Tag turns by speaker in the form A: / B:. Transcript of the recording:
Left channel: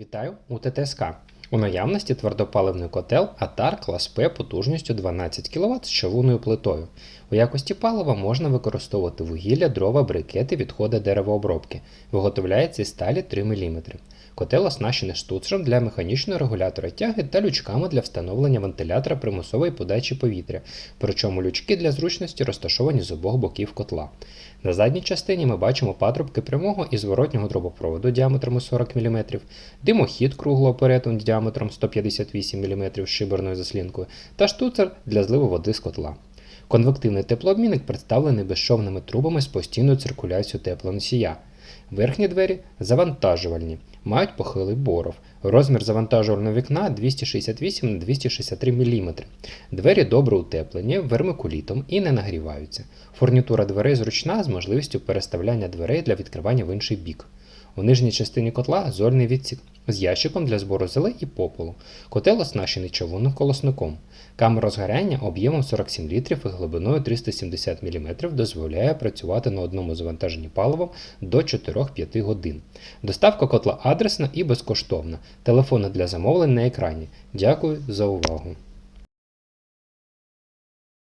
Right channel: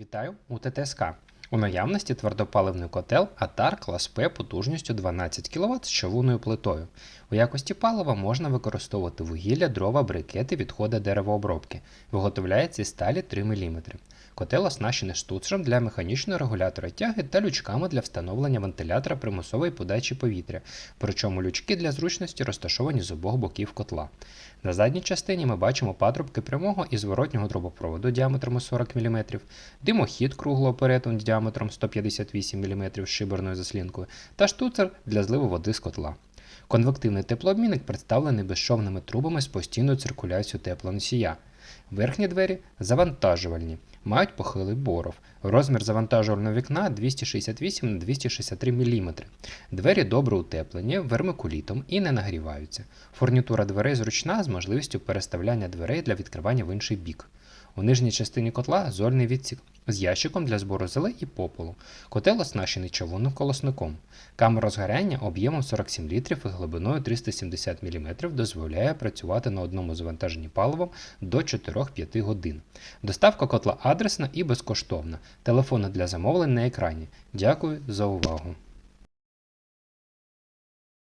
A: Вітаю у ТТСК. У наявності твердопаливний котел Атар клас П потужністю 12 кВт з човуною плитою. У якості палива можна використовувати вугілля, дрова, брикети, відходи деревообробки. Виготовляється із сталі 3 мм. Котел оснащений штуцером для механічного регулятора тяги та лючками для встановлення вентилятора примусової подачі повітря, причому лючки для зручності розташовані з обох боків котла. На задній частині ми бачимо патрубки прямого і зворотнього трубопроводу діаметром 40 мм, димохід круглого перетину діаметром 158 мм з шиберною заслінкою та штуцер для зливу води з котла. Конвективний теплообмінник представлений безшовними трубами з постійною циркуляцією теплоносія. Верхні двері завантажувальні, мають похилий боров. Розмір завантажувального вікна 268 на 263 мм. Двері добре утеплені вермикулітом і не нагріваються. Фурнітура дверей зручна з можливістю переставляння дверей для відкривання в інший бік. У нижній частині котла зольний відсік з ящиком для збору зели і попелу. Котел оснащений човунним колосником. Камера згоряння об'ємом 47 літрів і глибиною 370 мм дозволяє працювати на одному завантаженні паливом до 4-5 годин. Доставка котла адресна і безкоштовна. Телефони для замовлень на екрані. Дякую за увагу.